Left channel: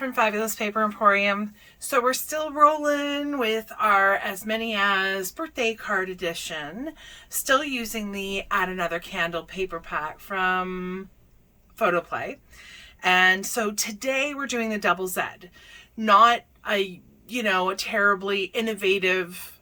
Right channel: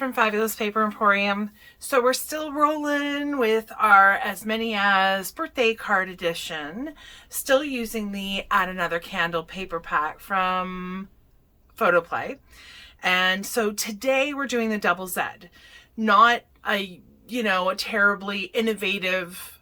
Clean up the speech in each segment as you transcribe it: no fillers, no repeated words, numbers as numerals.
from Fabbulous Paper Emporium. So we're still rolling with our As Many As birthday card edition. Still using the Add Another Candle paper pack from Photoplay. And so today we're doing the Double Z. Not a terribly innovative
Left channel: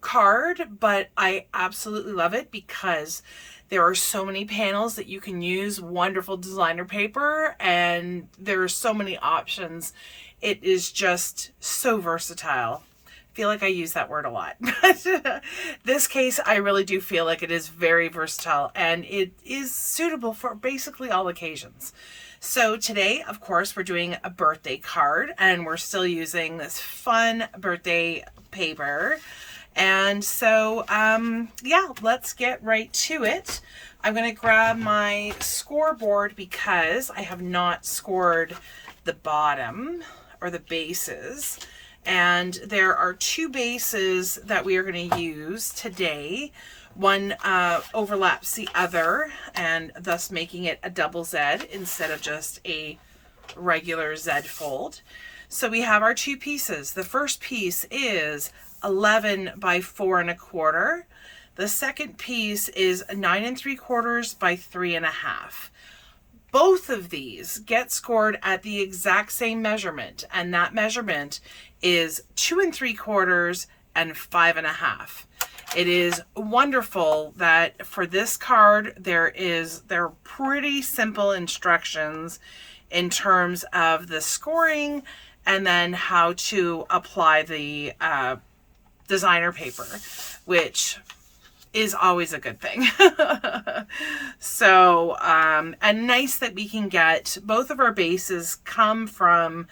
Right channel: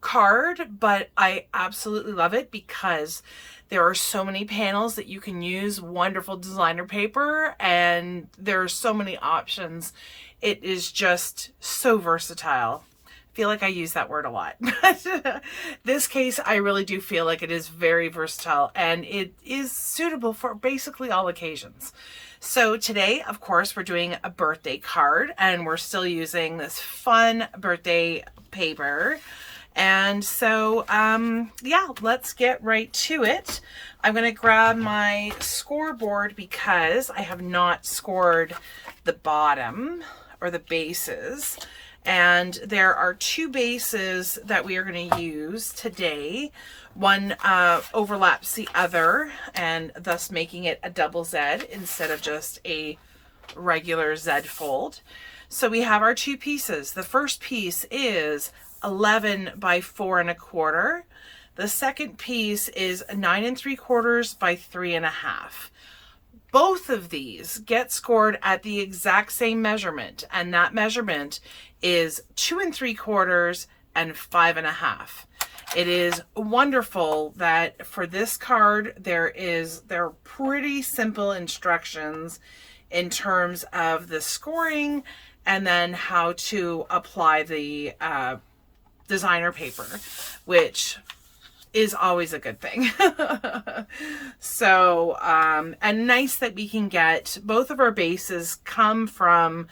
card, but I absolutely love it because there are so many panels that you can use, wonderful designer paper, and there are so many options. It is just so versatile. I feel like I use that word a lot. But this case, I really do feel like it is very versatile and it is suitable for basically all occasions. So today, of course, we're doing a birthday card and we're still using this fun birthday paper. And so, yeah, let's get right to it. I'm going to grab my scoreboard because I have not scored the bottom or the bases. And there are two bases that we are going to use today. One overlaps the other and thus making it a double Z instead of just a regular Z fold. So we have our two pieces. The first piece is 11 by 4 1/4. The second piece is 9 3/4 by 3 1/2. Both of these get scored at the exact same measurement, and that measurement is 2 3/4 and 5 1/2. It is wonderful that for this card there are pretty simple instructions in terms of the scoring and then how to apply the designer paper, which is always a good thing. So, and nice that we can get both of our bases come from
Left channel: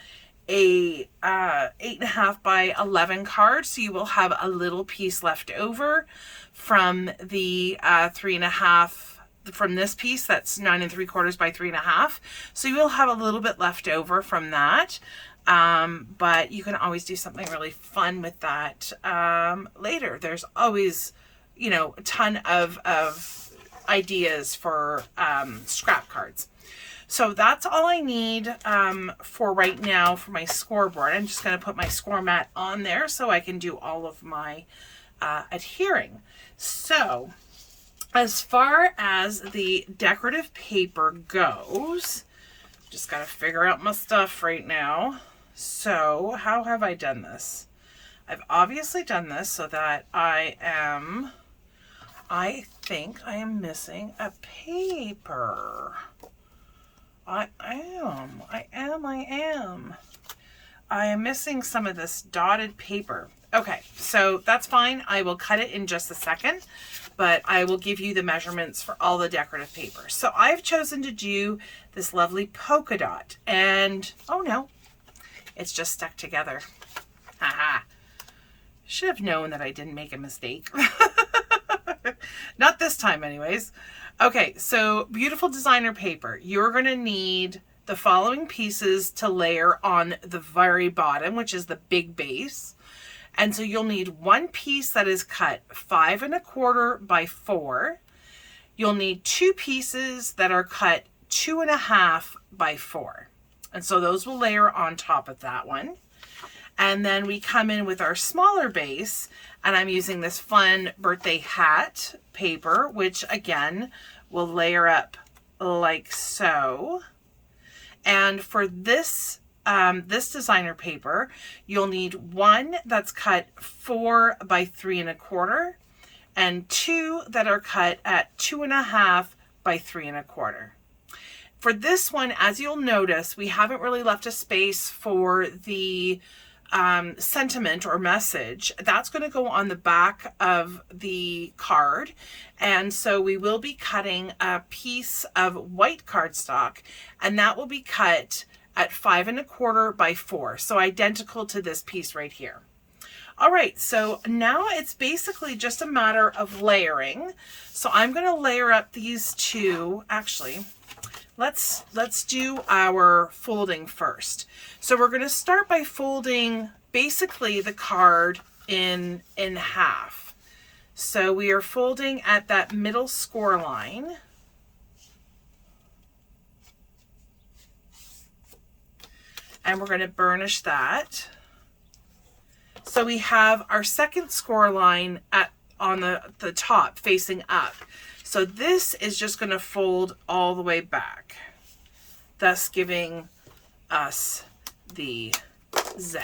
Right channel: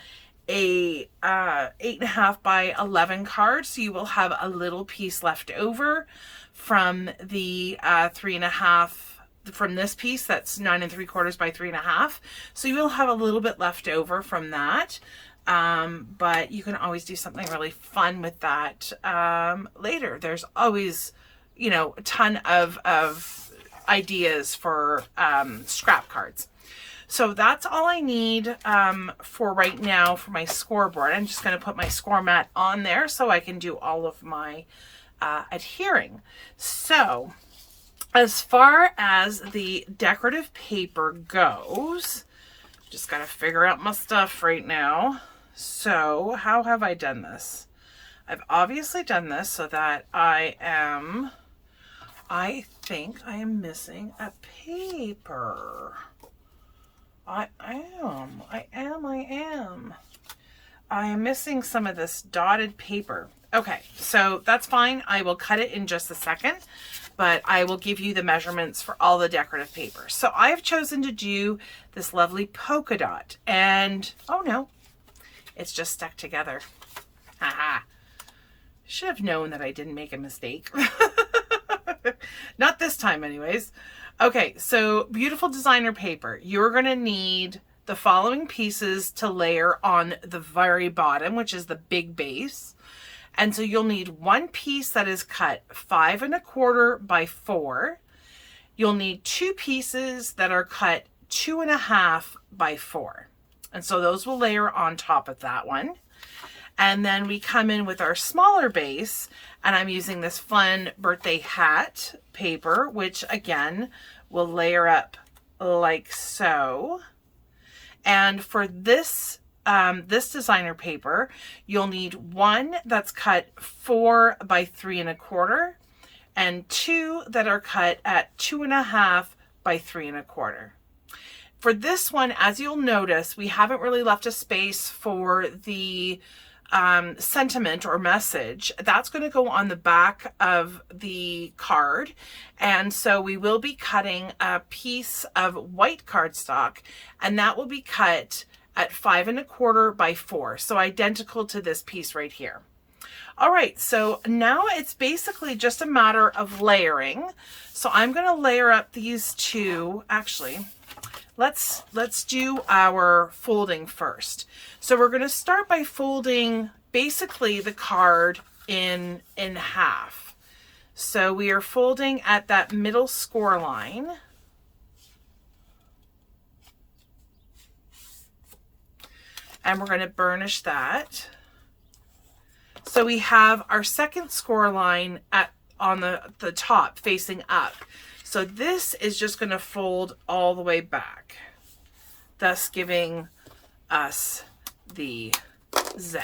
a 8.5 by 11 card. So you will have a little piece left over from the 3.5 from this piece that's 9 3/4 by 3 1/2. So you will have a little bit left over from that. But you can always do something really fun with that later. There's always, a ton of ideas for scrap cards. So that's all I need for right now for my scoreboard. I'm just going to put my score mat on there so I can do all of my adhering. So as far as the decorative paper goes, just got to figure out my stuff right now. So how have I done this? I've obviously done this so that I think I am missing a paper. I am missing some of this dotted paper. Okay, so that's fine. I will cut it in just a second, but I will give you the measurements for all the decorative paper. So I've chosen to do this lovely polka dot, and oh no, it's just stuck together. Haha. Should have known that I didn't make a mistake. Not this time anyways. Okay, so beautiful designer paper. You're going to need the following pieces to layer on the very bottom, which is the big base. And so you'll need one piece that is cut 5 1/4 by 4. You'll need two pieces that are cut 2 1/2 by 4. And so those will layer on top of that one. And then we come in with our smaller base, and I'm using this fun birthday hat paper, which again will layer up like so. And for this designer paper, you'll need one that's cut 4 by 3 1/4 and two that are cut at 2 1/2 by 3 1/4. For this one, as you'll notice, we haven't really left a space for the sentiment or message. That's going to go on the back of the card. And so we will be cutting a piece of white cardstock, and that will be cut at 5 1/4 by 4. So identical to this piece right here. All right, so now it's basically just a matter of layering. So I'm going to layer up these two. Actually, let's do our folding first. So we're going to start by folding basically the card in half. So we are folding at that middle score line. and we're going to burnish that. So we have our second score line on the top facing up. So this is just going to fold all the way back, thus giving us the Z.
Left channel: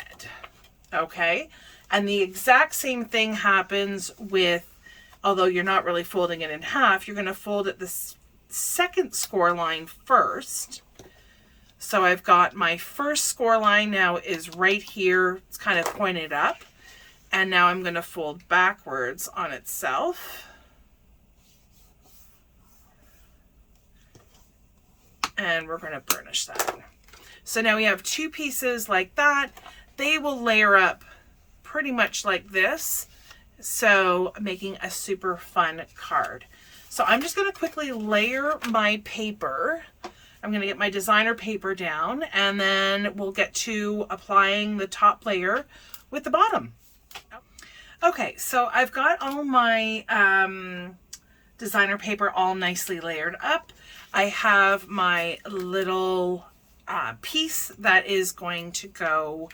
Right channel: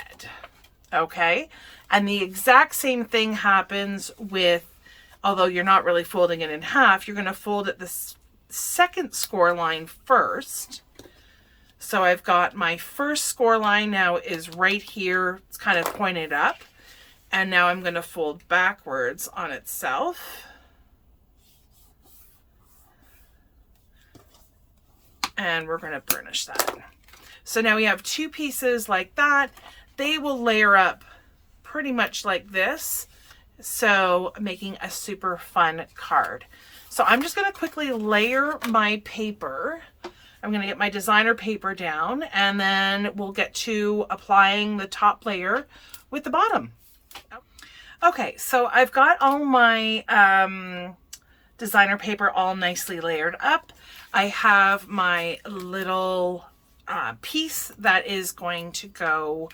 Okay, and the exact same thing happens with, although you're not really folding it in half, you're going to fold it the second score line first. So I've got my first score line now is right here. It's kind of pointed up. And now I'm going to fold backwards on itself. And we're going to burnish that. So now we have two pieces like that. They will layer up pretty much like this. So making a super fun card. So I'm just going to quickly layer my paper. I'm going to get my designer paper down, and then we'll get to applying the top layer with the bottom. Okay, so I've got all my designer paper all nicely layered up. I have my little piece that is going to go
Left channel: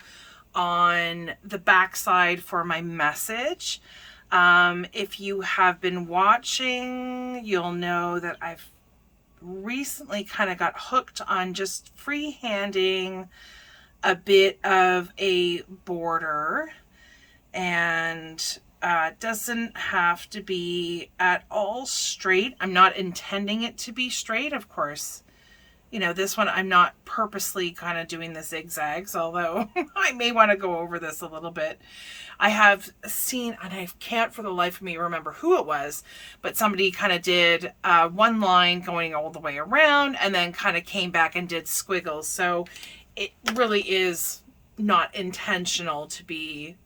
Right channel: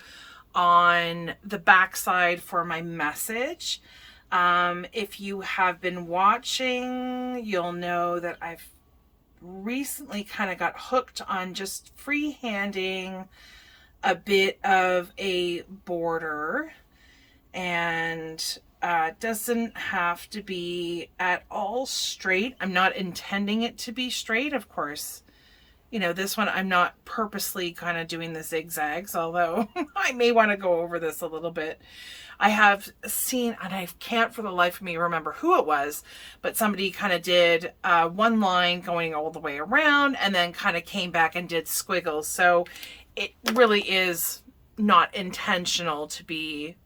on the back side for my message. If you have been watching, you'll know that I've recently kind of got hooked on just freehanding a bit of a border, and doesn't have to be at all straight. I'm not intending it to be straight, of course. You know, this one I'm not purposely kind of doing the zigzags, although I may want to go over this a little bit. I have seen, and I can't for the life of me remember who it was, but somebody kind of did one line going all the way around and then kind of came back and did squiggles. So it really is not intentional to be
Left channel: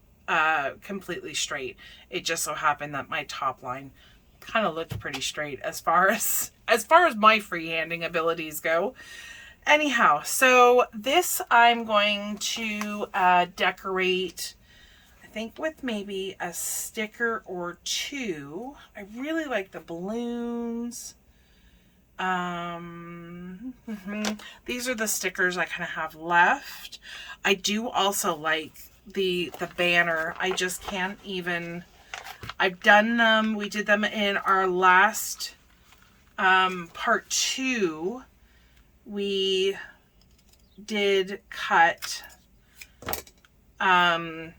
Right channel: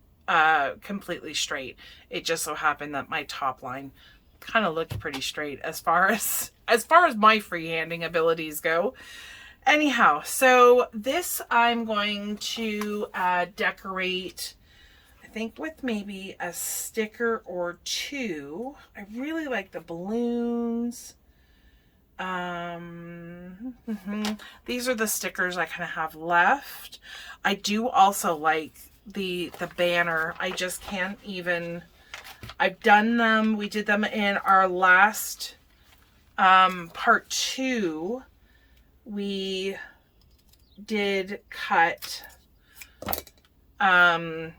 completely straight. It just so happened that my top line kind of looked pretty straight as far as my freehanding abilities go. Anyhow, so this I'm going to decorate, I think, with maybe a sticker or two. I really like the balloons. These are the stickers I kind of have left. I do also like the banner. I just can't even, I've done them. We did them in our last part 2. We did cut a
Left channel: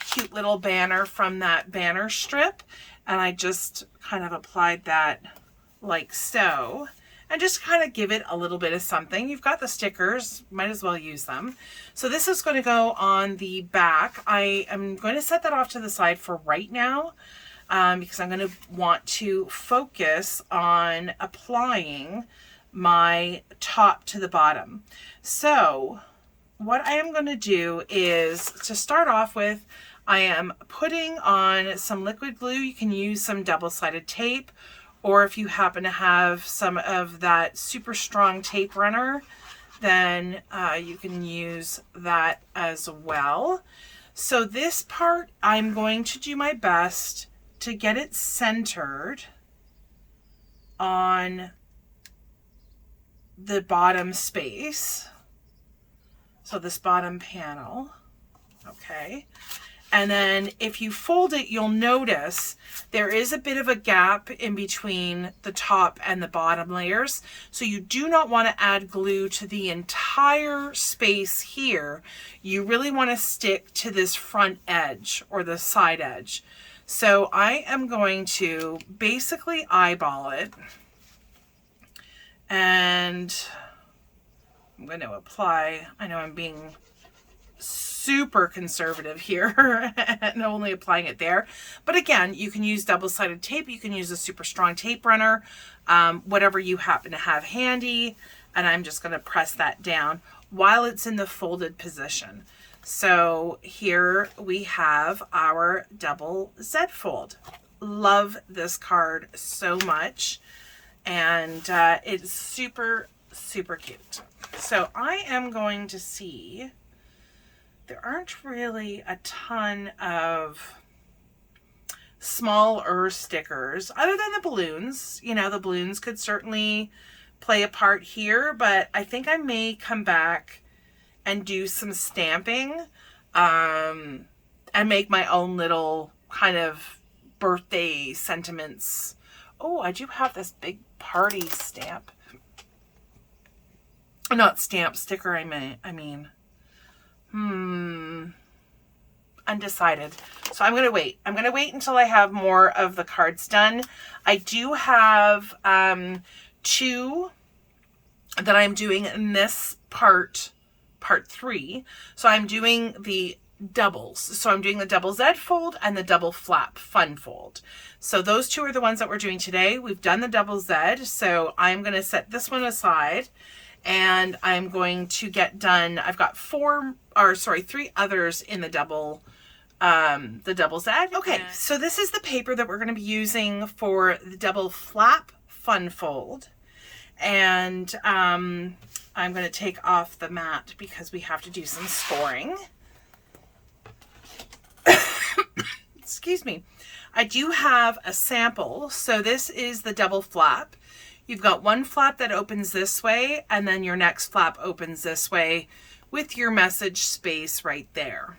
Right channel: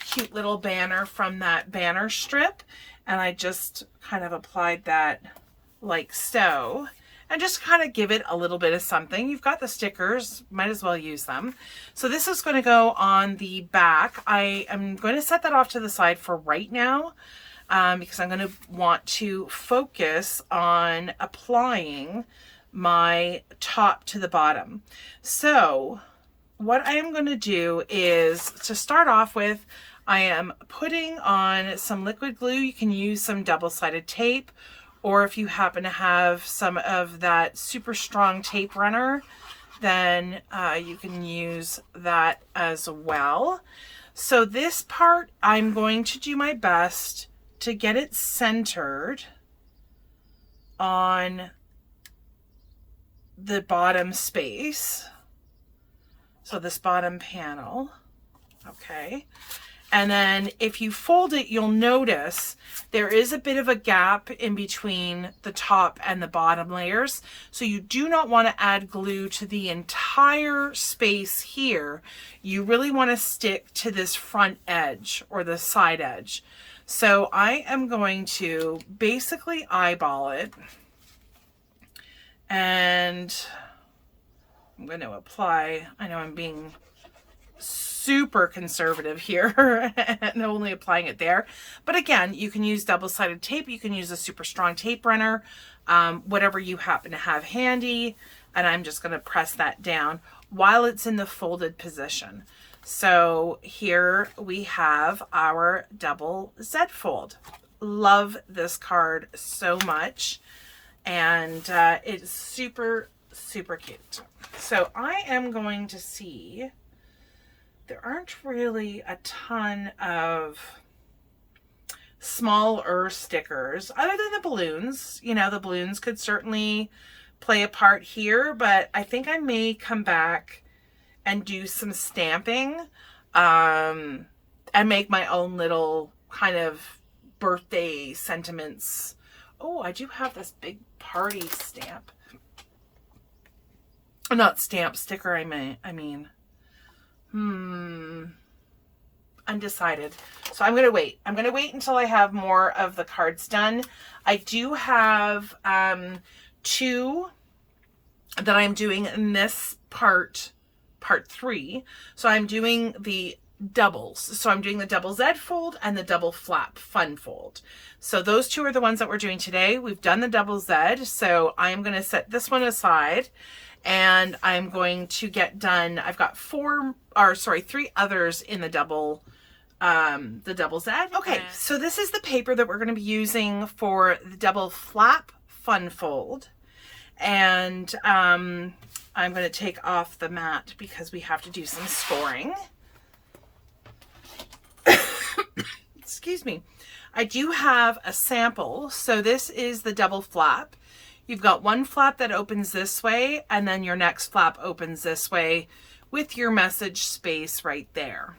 cute little banner from that banner strip, and I just kind of applied that like so, and just kind of give it a little bit of something. You've got the stickers, might as well use them. So this is going to go on the back. I am going to set that off to the side for right now, because I'm going to want to focus on applying my top to the bottom. So what I am going to do is, to start off with, I am putting on some liquid glue. You can use some double-sided tape, or if you happen to have some of that super strong tape runner, then you can use that as well. So this part, I'm going to do my best to get it centered on the bottom space. So this bottom panel, okay. And then if you fold it, you'll notice there is a bit of a gap in between the top and the bottom layers. So you do not want to add glue to the entire space here. You really want to stick to this front edge or the side edge. So I am going to basically eyeball it, and I'm going to apply, I know I'm being super conservative here and only applying it there, but again, you can use double-sided tape, you can use a super strong tape runner, whatever you happen to have handy, and I'm just going to press that down while it's in the folded position. So here we have our double Z fold. Love this card so much, and it's super cute. So I am going to see, there aren't really a ton of smaller stickers other than the balloons. You know, the balloons could certainly play a part here, but I think I may come back and do some stamping, and make my own little kind of birthday sentiments. Oh, I do have this big party stamp. Not stamp, sticker, I mean. Undecided. So I'm going to wait. I'm going to wait until I have more of the cards done. I do have 2 that I'm doing in this part 3. So I'm doing the doubles. So I'm doing the double Z fold and the double flap fun fold. So those 2 are the ones that we're doing today. We've done the double Z. So I'm going to set this one aside and I'm going to get done. I've got 3 others in the double Z. Okay, so this is the paper that we're going to be using for the double flap fun fold. And I'm going to take off the mat because we have to do some scoring. Excuse me. I do have a sample. So this is the double flap. You've got one flap that opens this way, and then your next flap opens this way with your message space right there.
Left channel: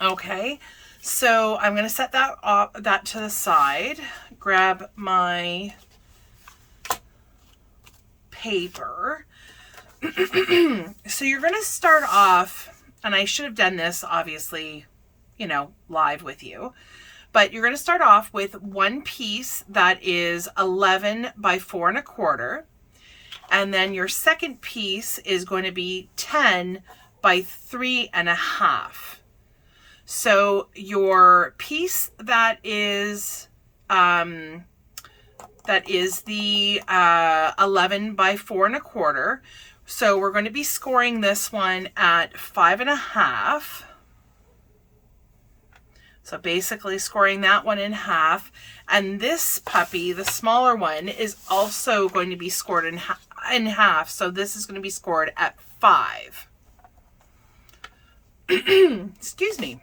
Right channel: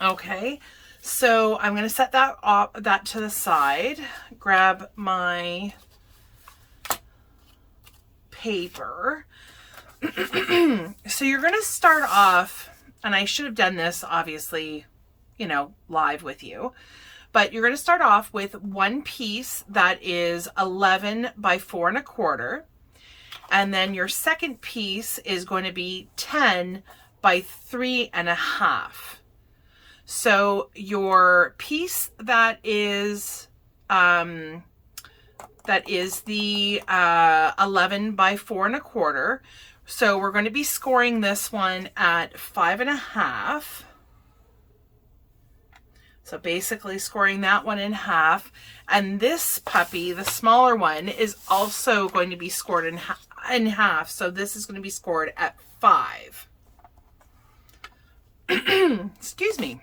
Okay, so I'm going to set that to the side, grab my paper. So you're going to start off, and I should have done this obviously, live with you, but you're going to start off with one piece that is 11 by 4 1/4. And then your second piece is going to be 10 by 3 1/2. So your piece that is the 11 by 4 1/4. So we're going to be scoring this one at 5 1/2. So basically scoring that one in half. And this puppy, the smaller one, is also going to be scored in half. So this is going to be scored at 5. Excuse me.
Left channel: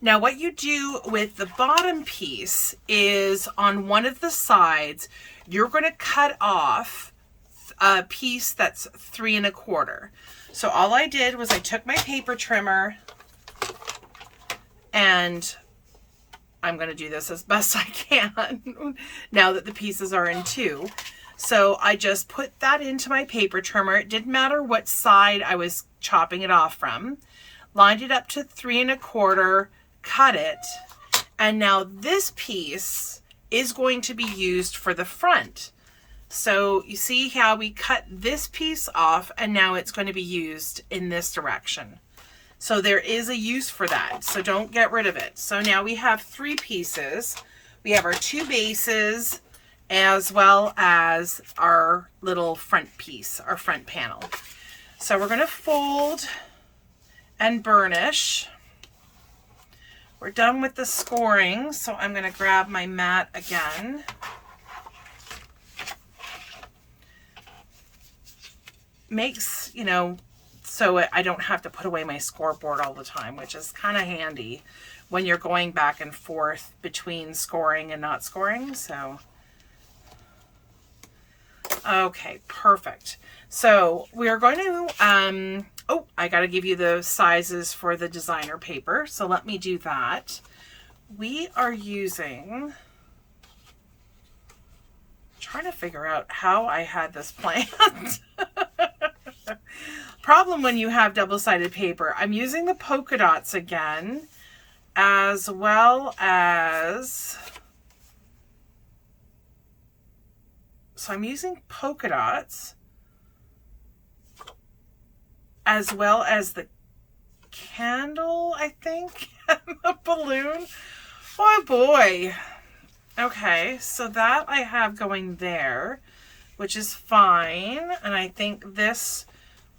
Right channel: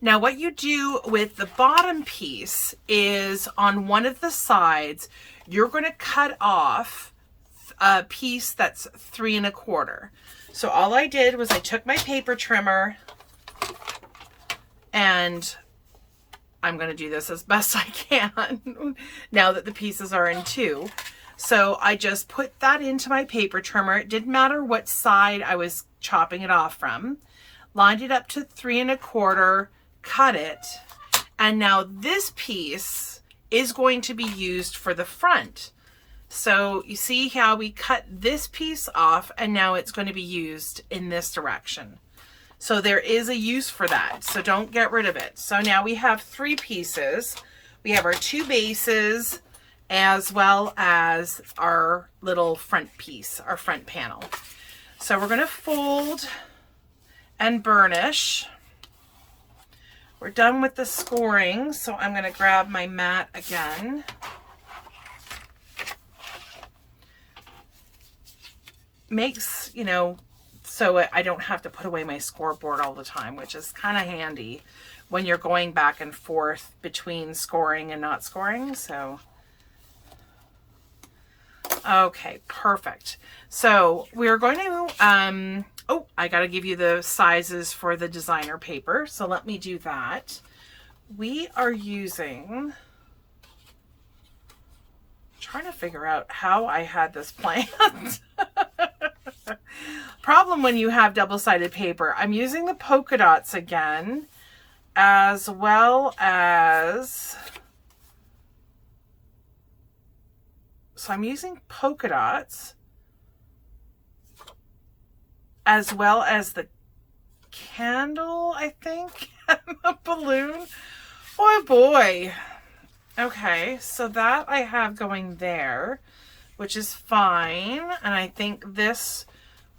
Now what you do with the bottom piece is on one of the sides, you're going to cut off a piece that's 3 1/4. So all I did was I took my paper trimmer, and I'm going to do this as best I can now that the pieces are in 2. So I just put that into my paper trimmer. It didn't matter what side I was chopping it off from. Lined it up to 3 1/4, cut it. And now this piece is going to be used for the front. So you see how we cut this piece off, and now it's going to be used in this direction. So there is a use for that. So don't get rid of it. So now we have 3 pieces. We have our 2 bases as well as our little front piece, our front panel. So we're going to fold and burnish. We're done with the scoring. So I'm going to grab my mat again. Makes, so I don't have to put away my scoreboard all the time, which is kind of handy when you're going back and forth between scoring and not scoring. So, okay, perfect. So we're going to, I got to give you the sizes for the designer paper. So let me do that. We are using, trying to figure out how I had this planned. Problem when you have double-sided paper. I'm using the polka dots again, as well as, so I'm using polka dots, as well as the candle, I think, and the balloon. Oh boy. Okay, so that I have going there, which is fine. And I think this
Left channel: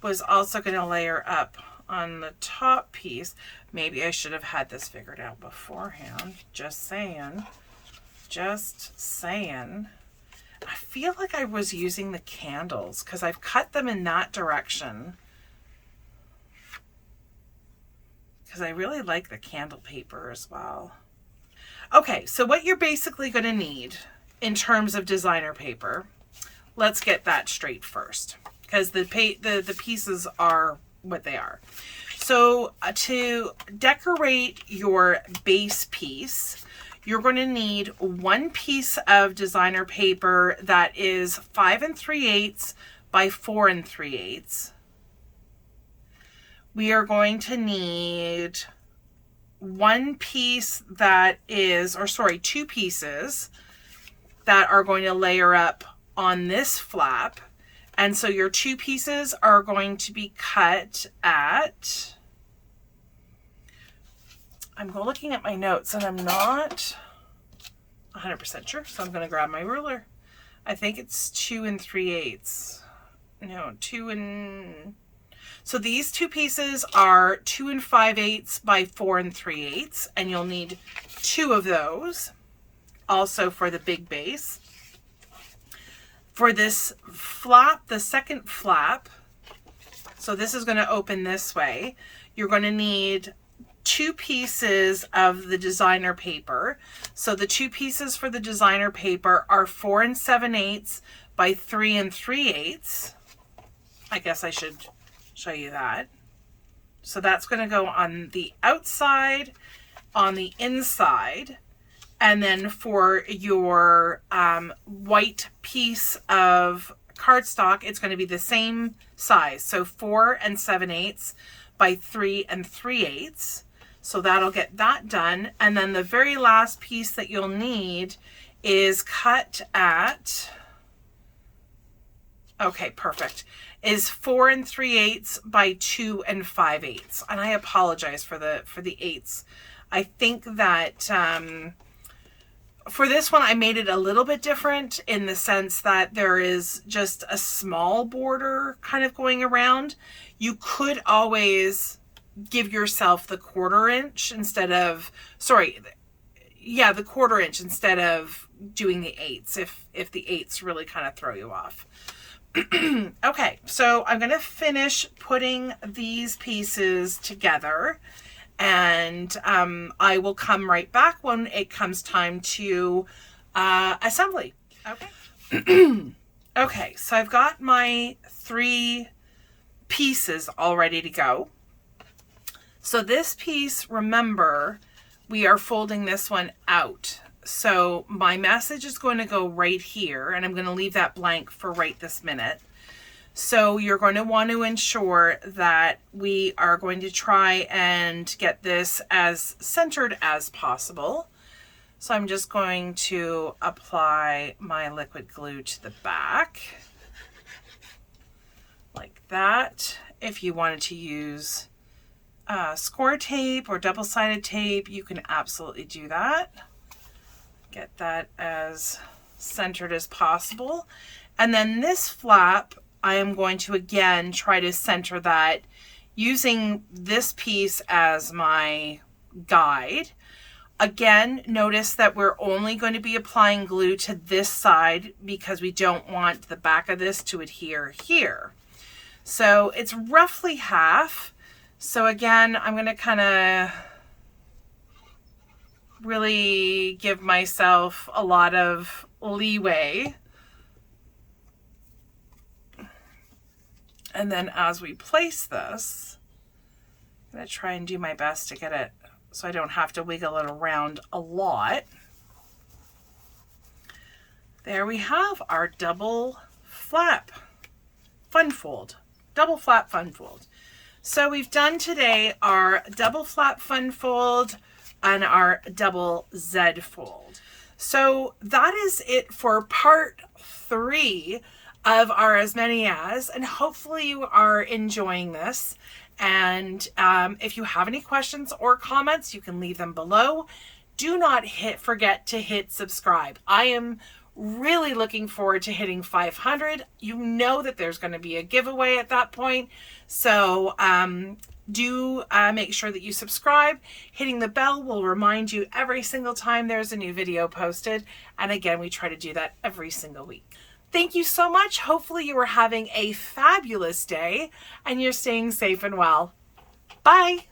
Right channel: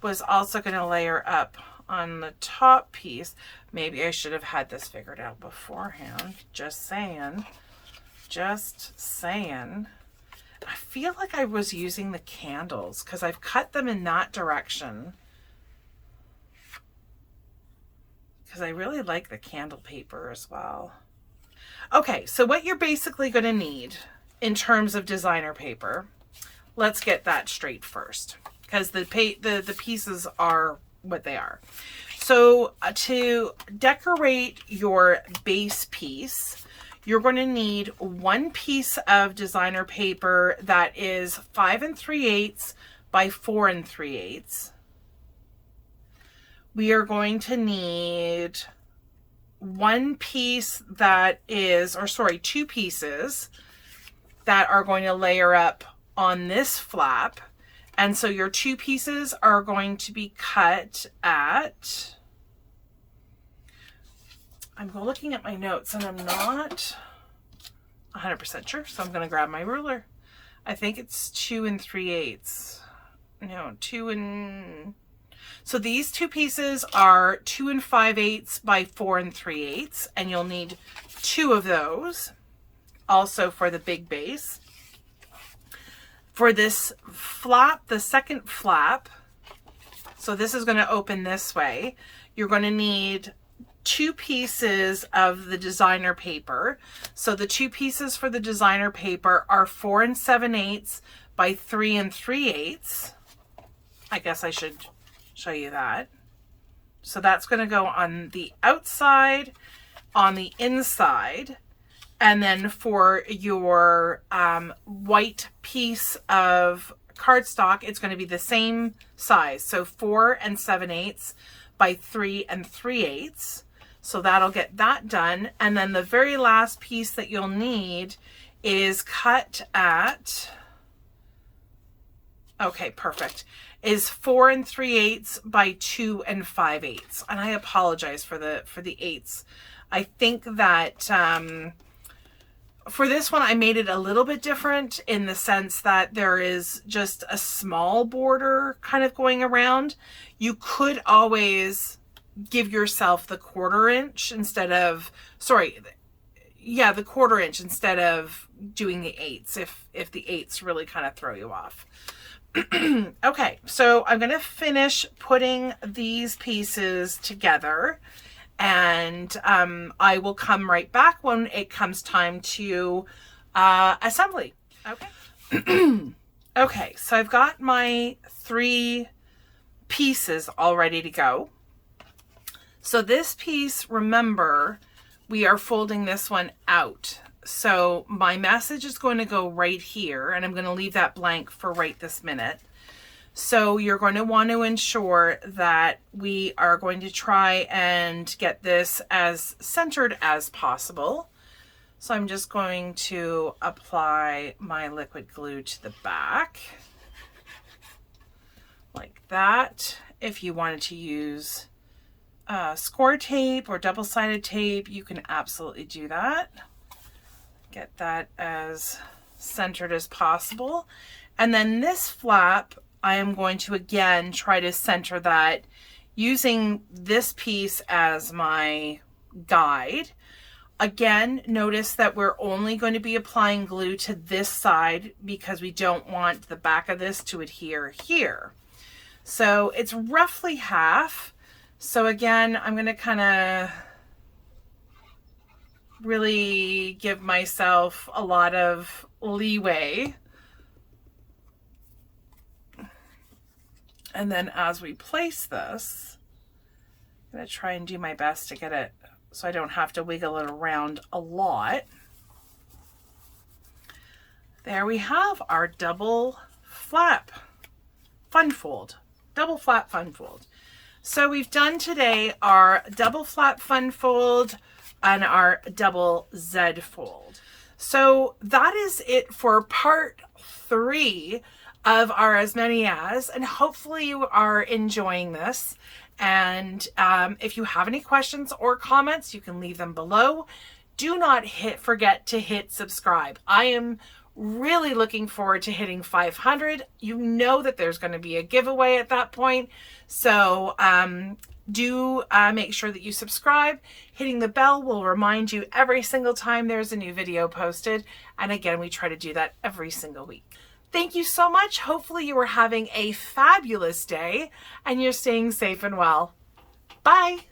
was also going to layer up on the top piece. Maybe I should have had this figured out beforehand. Just saying. Just saying. I feel like I was using the candles because I've cut them in that direction. Because I really like the candle paper as well. Okay, so what you're basically going to need in terms of designer paper, let's get that straight first. because the pieces are what they are. So to decorate your base piece, you're going to need one piece of designer paper that is 5 3/8 by 4 3/8. We are going to need one piece that is, or sorry, 2 pieces that are going to layer up on this flap. And so your 2 pieces are going to be cut at, I'm looking at my notes and I'm not 100% sure, so I'm going to grab my ruler. I think it's 2 3/8. No, 2 and... So these 2 pieces are 2 5/8 by 4 3/8, and you'll need 2 of those also for the big base. For this flap, the second flap, so this is going to open this way, you're going to need 2 pieces of the designer paper. So the 2 pieces for the designer paper are 4 7/8 by 3 3/8. I guess I should show you that. So that's going to go on the outside, on the inside, and then for your white piece of cardstock, it's going to be the same size. So 4 7/8 by 3 3/8. So that'll get that done. And then the very last piece that you'll need is cut at, okay, perfect, is 4 3/8 by 2 5/8. And I apologize for the eighths. I think that for this one, I made it a little bit different in the sense that there is just a small border kind of going around. You could always give yourself the 1/4 inch instead of, sorry, yeah, the 1/4 inch instead of doing the eighths if the eighths really kind of throw you off. Okay, so I'm going to finish putting these pieces together, and I will come right back when it comes time to assembly. Okay. Okay, so I've got my 3 pieces all ready to go. So this piece, remember, we are folding this one out. So my message is going to go right here, and I'm going to leave that blank for right this minute. So you're going to want to ensure that we are going to try and get this as centered as possible. So I'm just going to apply my liquid glue to the back like that. If you wanted to use score tape or double-sided tape, you can absolutely do that. Get that as centered as possible. And then this flap, I am going to again try to center that using this piece as my guide. Again, notice that we're only going to be applying glue to this side because we don't want the back of this to adhere here. So it's roughly half. So again, I'm going to kind of really give myself a lot of leeway. And then as we place this, I'm going to try and do my best to get it so I don't have to wiggle it around a lot. There we have our double flap fun fold. Double flap fun fold. So we've done today our double flap fun fold and our double Z fold. So that is it for part 3 of our As Many As, and hopefully you are enjoying this. And if you have any questions or comments, you can leave them below. Do not forget to hit subscribe. I am really looking forward to hitting 500. You know that there's going to be a giveaway at that point. So do make sure that you subscribe. Hitting the bell will remind you every single time there's a new video posted. And again, we try to do that every single week. Thank you so much. Hopefully you are having a fabulous day and you're staying safe and well. Bye.